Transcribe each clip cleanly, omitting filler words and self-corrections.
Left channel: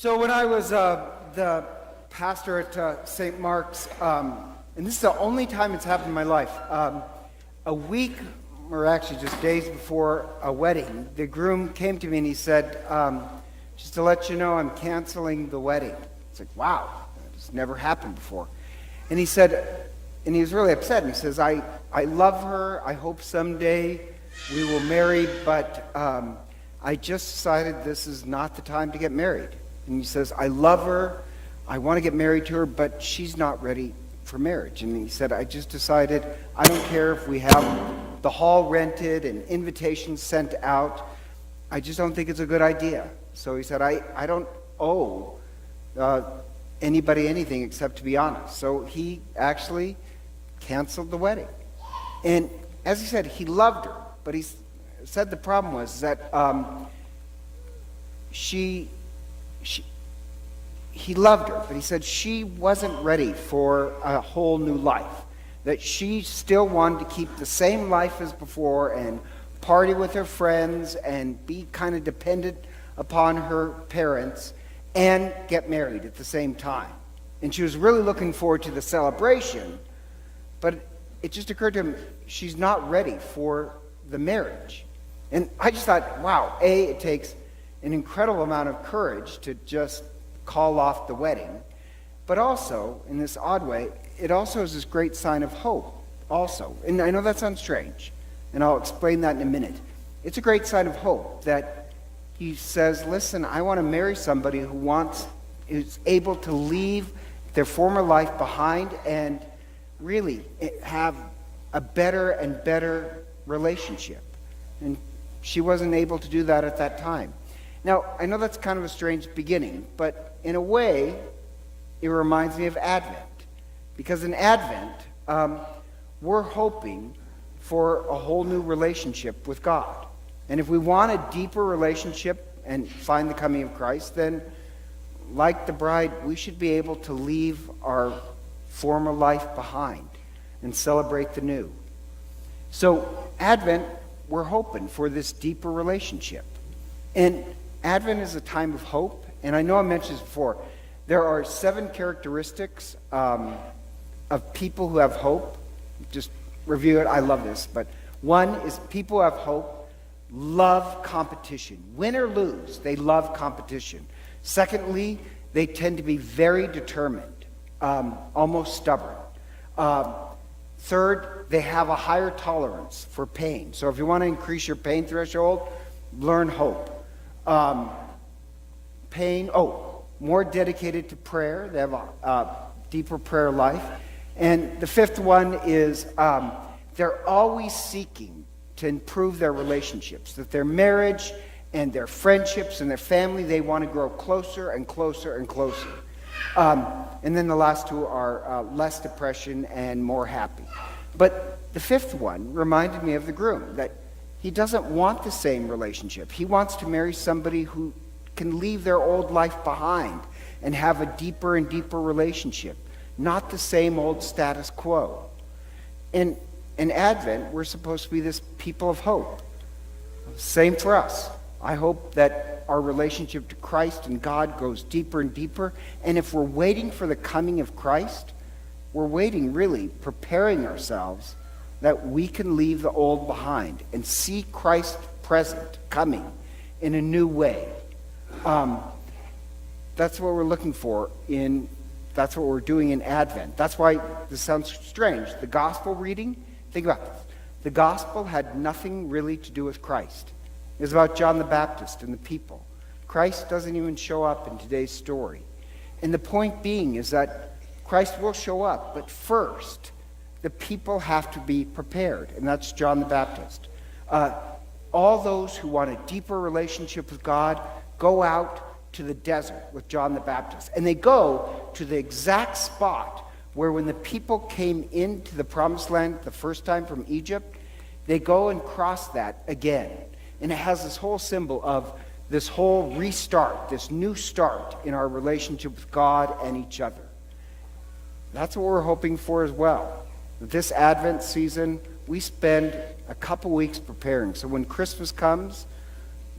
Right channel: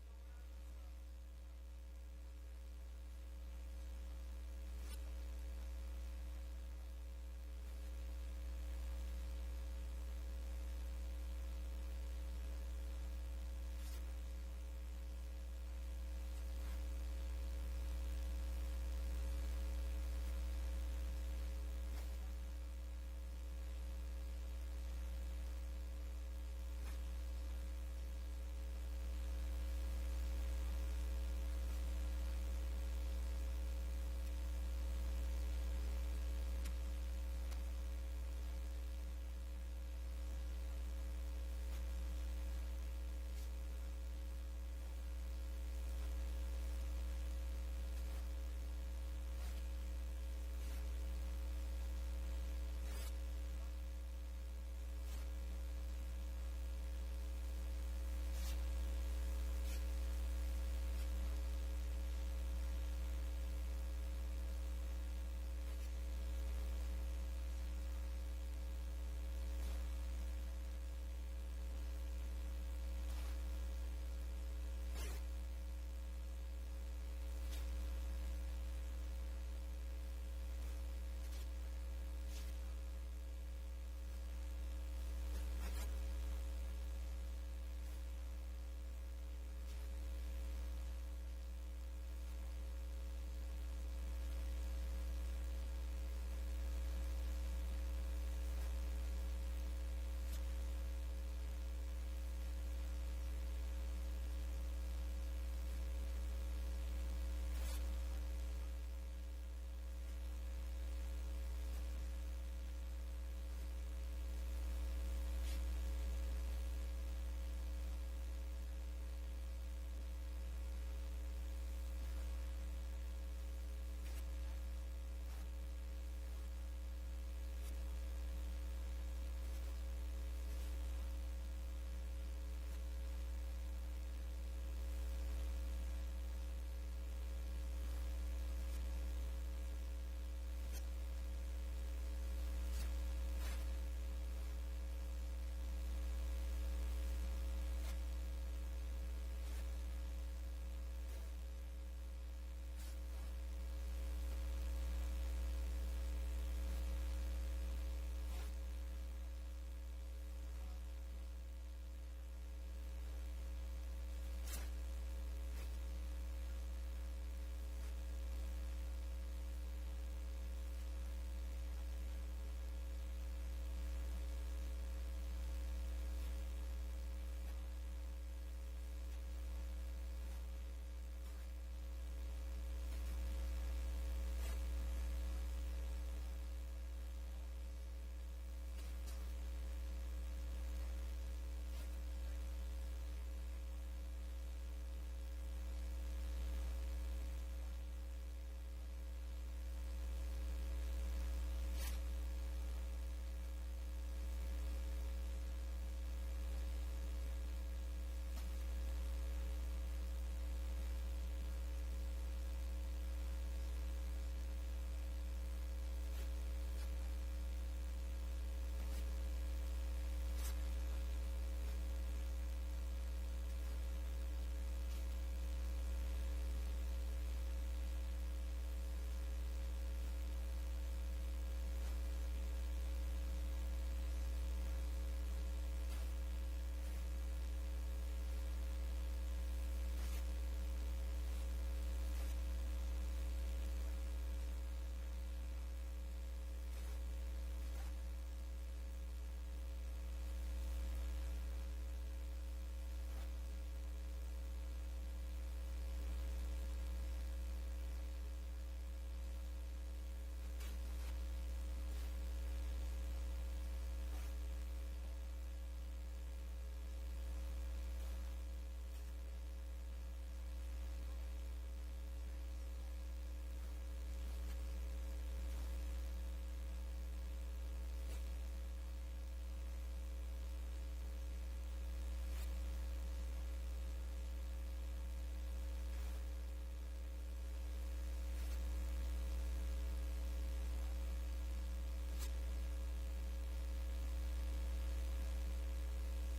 So when I was the pastor at St. Mark's, and this is the only time it's happened in my life, a week, or actually just days before a wedding, the groom came to me and he said, just to let you know, I'm canceling the wedding. It's like, wow, it's never happened before. And he said, and he was really upset, and he says, I love her, I hope someday we will marry, but I just decided this is not the time to get married. And he says, I love her, I want to get married to her, but she's not ready for marriage. And he said, I just decided, I don't care if we have the hall rented and invitations sent out, I just don't think it's a good idea. So he said, I don't owe anybody anything except to be honest. So he actually canceled the wedding. And as he said, he loved her, but he said the problem was that he loved her, but he said she wasn't ready for a whole new life, that she still wanted to keep the same life as before and party with her friends and be kind of dependent upon her parents and get married at the same time. And she was really looking forward to the celebration, but it just occurred to him, she's not ready for the marriage. And I just thought, wow, it takes an incredible amount of courage to just call off the wedding, but also, in this odd way, it also is this great sign of hope also. And I know that sounds strange, and I'll explain that in a minute. It's a great sign of hope that he says, listen, I want to marry somebody who is able to leave their former life behind and really have a better and better relationship. And she wasn't able to do that at that time. Now, I know that's kind of a strange beginning, but in a way, it reminds me of Advent. Because in Advent, we're hoping for a whole new relationship with God. And if we want a deeper relationship and find the coming of Christ, then like the bride, we should be able to leave our former life behind and celebrate the new. So Advent, we're hoping for this deeper relationship. And Advent is a time of hope. And I know I mentioned this before. There are 7 characteristics of people who have hope. Just review it. I love this. But one is people who have hope love competition. Win or lose, they love competition. Secondly, they tend to be very determined, almost stubborn. Third, they have a higher tolerance for pain. So if you want to increase your pain threshold, learn hope. More dedicated to prayer. They have a deeper prayer life. And the fifth one is they're always seeking to improve their relationships, that their marriage and their friendships and their family, they want to grow closer and closer and closer. And then the last two are less depression and more happy. But the fifth one reminded me of the groom, that he doesn't want the same relationship. He wants to marry somebody who can leave their old life behind and have a deeper and deeper relationship, not the same old status quo. In Advent, we're supposed to be this people of hope. Same for us. I hope that our relationship to Christ and God goes deeper and deeper. And if we're waiting for the coming of Christ, we're waiting, really, preparing ourselves that we can leave the old behind and see Christ present, coming in a new way. That's what we're looking for that's what we're doing in Advent. That's why this sounds strange. The gospel reading, think about this. The gospel had nothing really to do with Christ. It was about John the Baptist and the people. Christ doesn't even show up in today's story. And the point being is that Christ will show up, but first, the people have to be prepared, and that's John the Baptist. All those who want a deeper relationship with God go out to the desert with John the Baptist. And they go to the exact spot where when the people came into the promised land the first time from Egypt, they go and cross that again. And it has this whole symbol of this whole restart, this new start in our relationship with God and each other. That's what we're hoping for as well. This Advent season, we spend a couple weeks preparing. So when Christmas comes,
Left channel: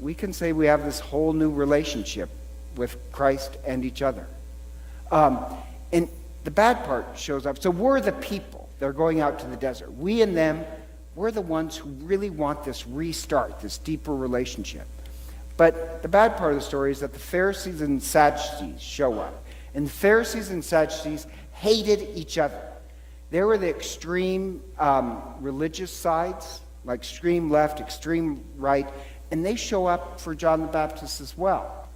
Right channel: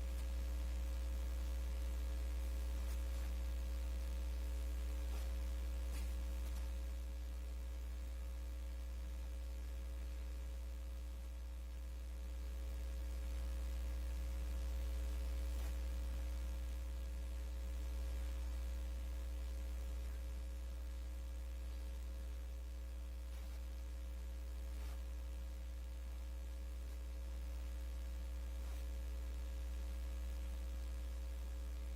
we can say we have this whole new relationship with Christ and each other. And the bad part shows up. So we're the people that are going out to the desert. We and them, we're the ones who really want this restart, this deeper relationship. But the bad part of the story is that the Pharisees and Sadducees show up. And the Pharisees and Sadducees hated each other. They were the extreme religious sides, like extreme left, extreme right, and they show up for John the Baptist as well.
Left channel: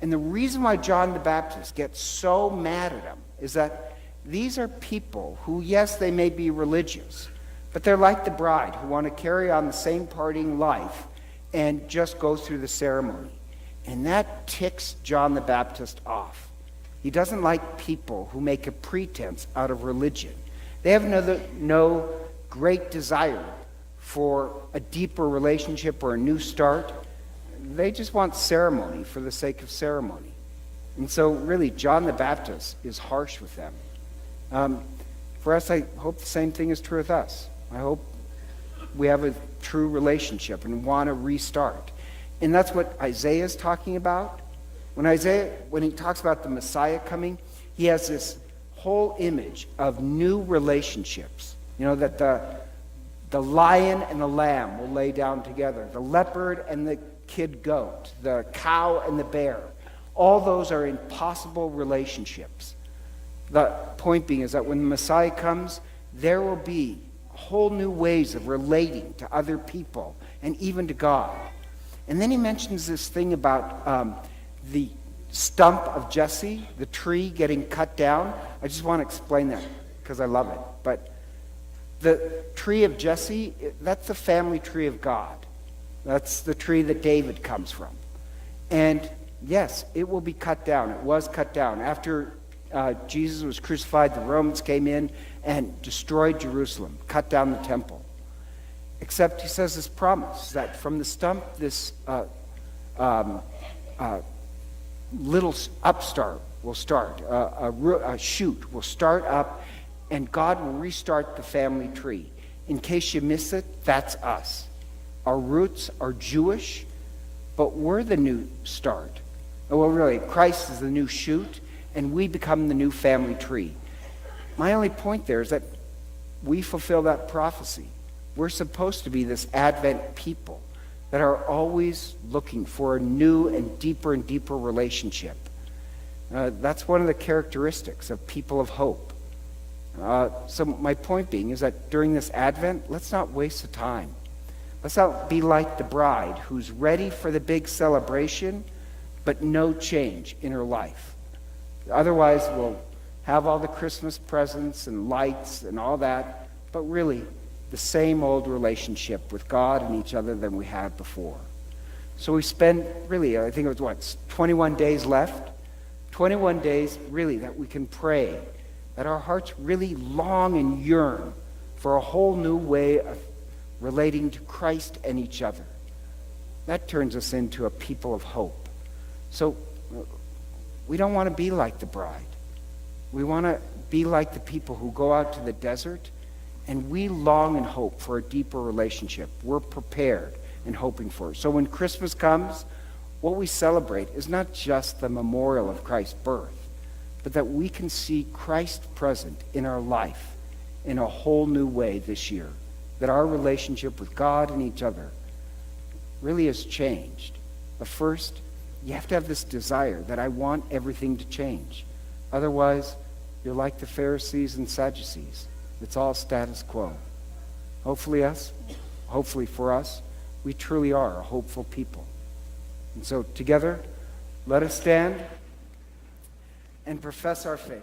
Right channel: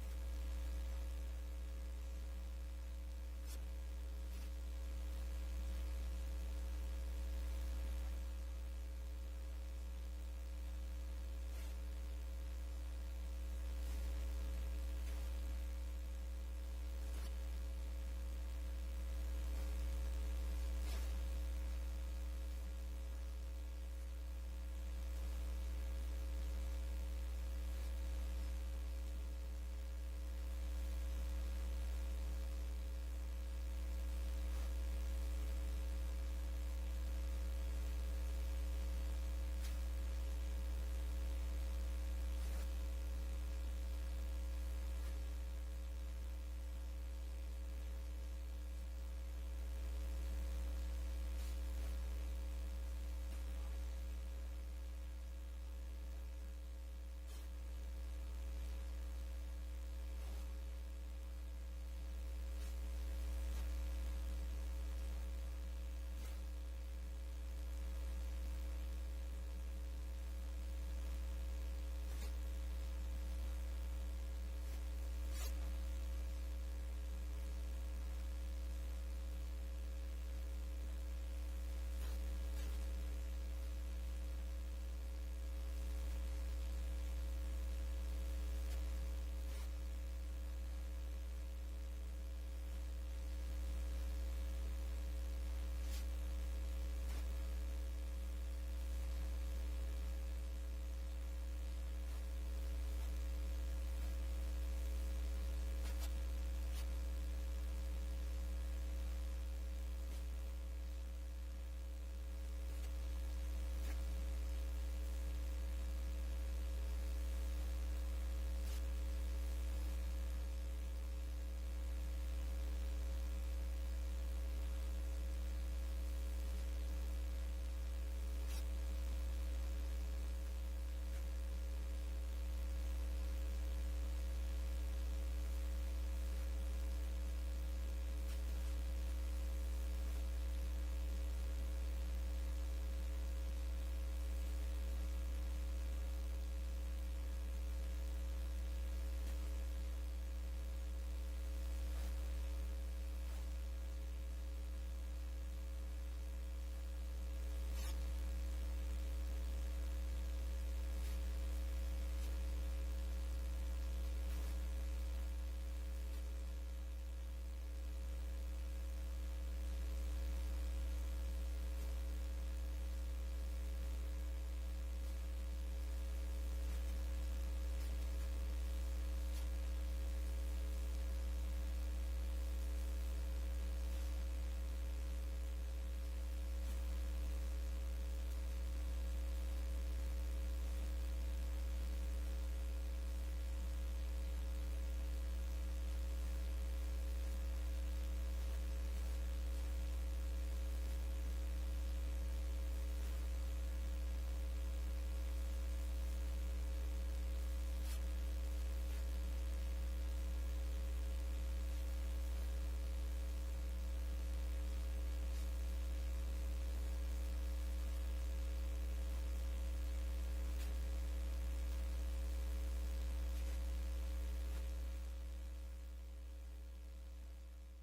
And the reason why John the Baptist gets so mad at him is that these are people who, yes, they may be religious, but they're like the bride who want to carry on the same partying life and just go through the ceremony. And that ticks John the Baptist off. He doesn't like people who make a pretense out of religion. They have no great desire for a deeper relationship or a new start. They just want ceremony for the sake of ceremony. And so really, John the Baptist is harsh with them. For us, I hope the same thing is true with us. I hope we have a true relationship and want to restart. And that's what Isaiah is talking about. When he talks about the Messiah coming, he has this whole image of new relationships. You know, that the lion and the lamb will lay down together, the leopard and the kid goat, the cow and the bear. All those are impossible relationships. The point being is that when the Messiah comes, there will be whole new ways of relating to other people and even to God. And then he mentions this thing about the stump of Jesse, the tree getting cut down. I just want to explain that because I love it. But the tree of Jesse, that's the family tree of God. That's the tree that David comes from. And yes, it will be cut down. It was cut down. After Jesus was crucified, the Romans came in and destroyed Jerusalem, cut down the temple. Except he says this promise that from the stump, this little upstart will start, a shoot will start up, and God will restart the family tree. In case you miss it, that's us. Our roots are Jewish, but we're the new start. Well, really, Christ is the new shoot, and we become the new family tree. My only point there is that we fulfill that prophecy. We're supposed to be this Advent people that are always looking for a new and deeper relationship. That's one of the characteristics of people of hope. So my point being is that during this Advent, let's not waste the time. Let's not be like the bride who's ready for the big celebration, but no change in her life. Otherwise, we'll have all the Christmas presents and lights and all that, but really the same old relationship with God and each other than we had before. So we spend really, I think it was 21 days left? 21 days really that we can pray, that our hearts really long and yearn for a whole new way of relating to Christ and each other. That turns us into a people of hope. So we don't want to be like the bride. We want to be like the people who go out to the desert, and we long and hope for a deeper relationship. We're prepared and hoping for it. So when Christmas comes, what we celebrate is not just the memorial of Christ's birth, but that we can see Christ present in our life in a whole new way this year. That our relationship with God and each other really has changed. But first, you have to have this desire that I want everything to change. Otherwise, you're like the Pharisees and Sadducees. It's all status quo. Hopefully for us, we truly are a hopeful people. And so together, let us stand and profess our faith.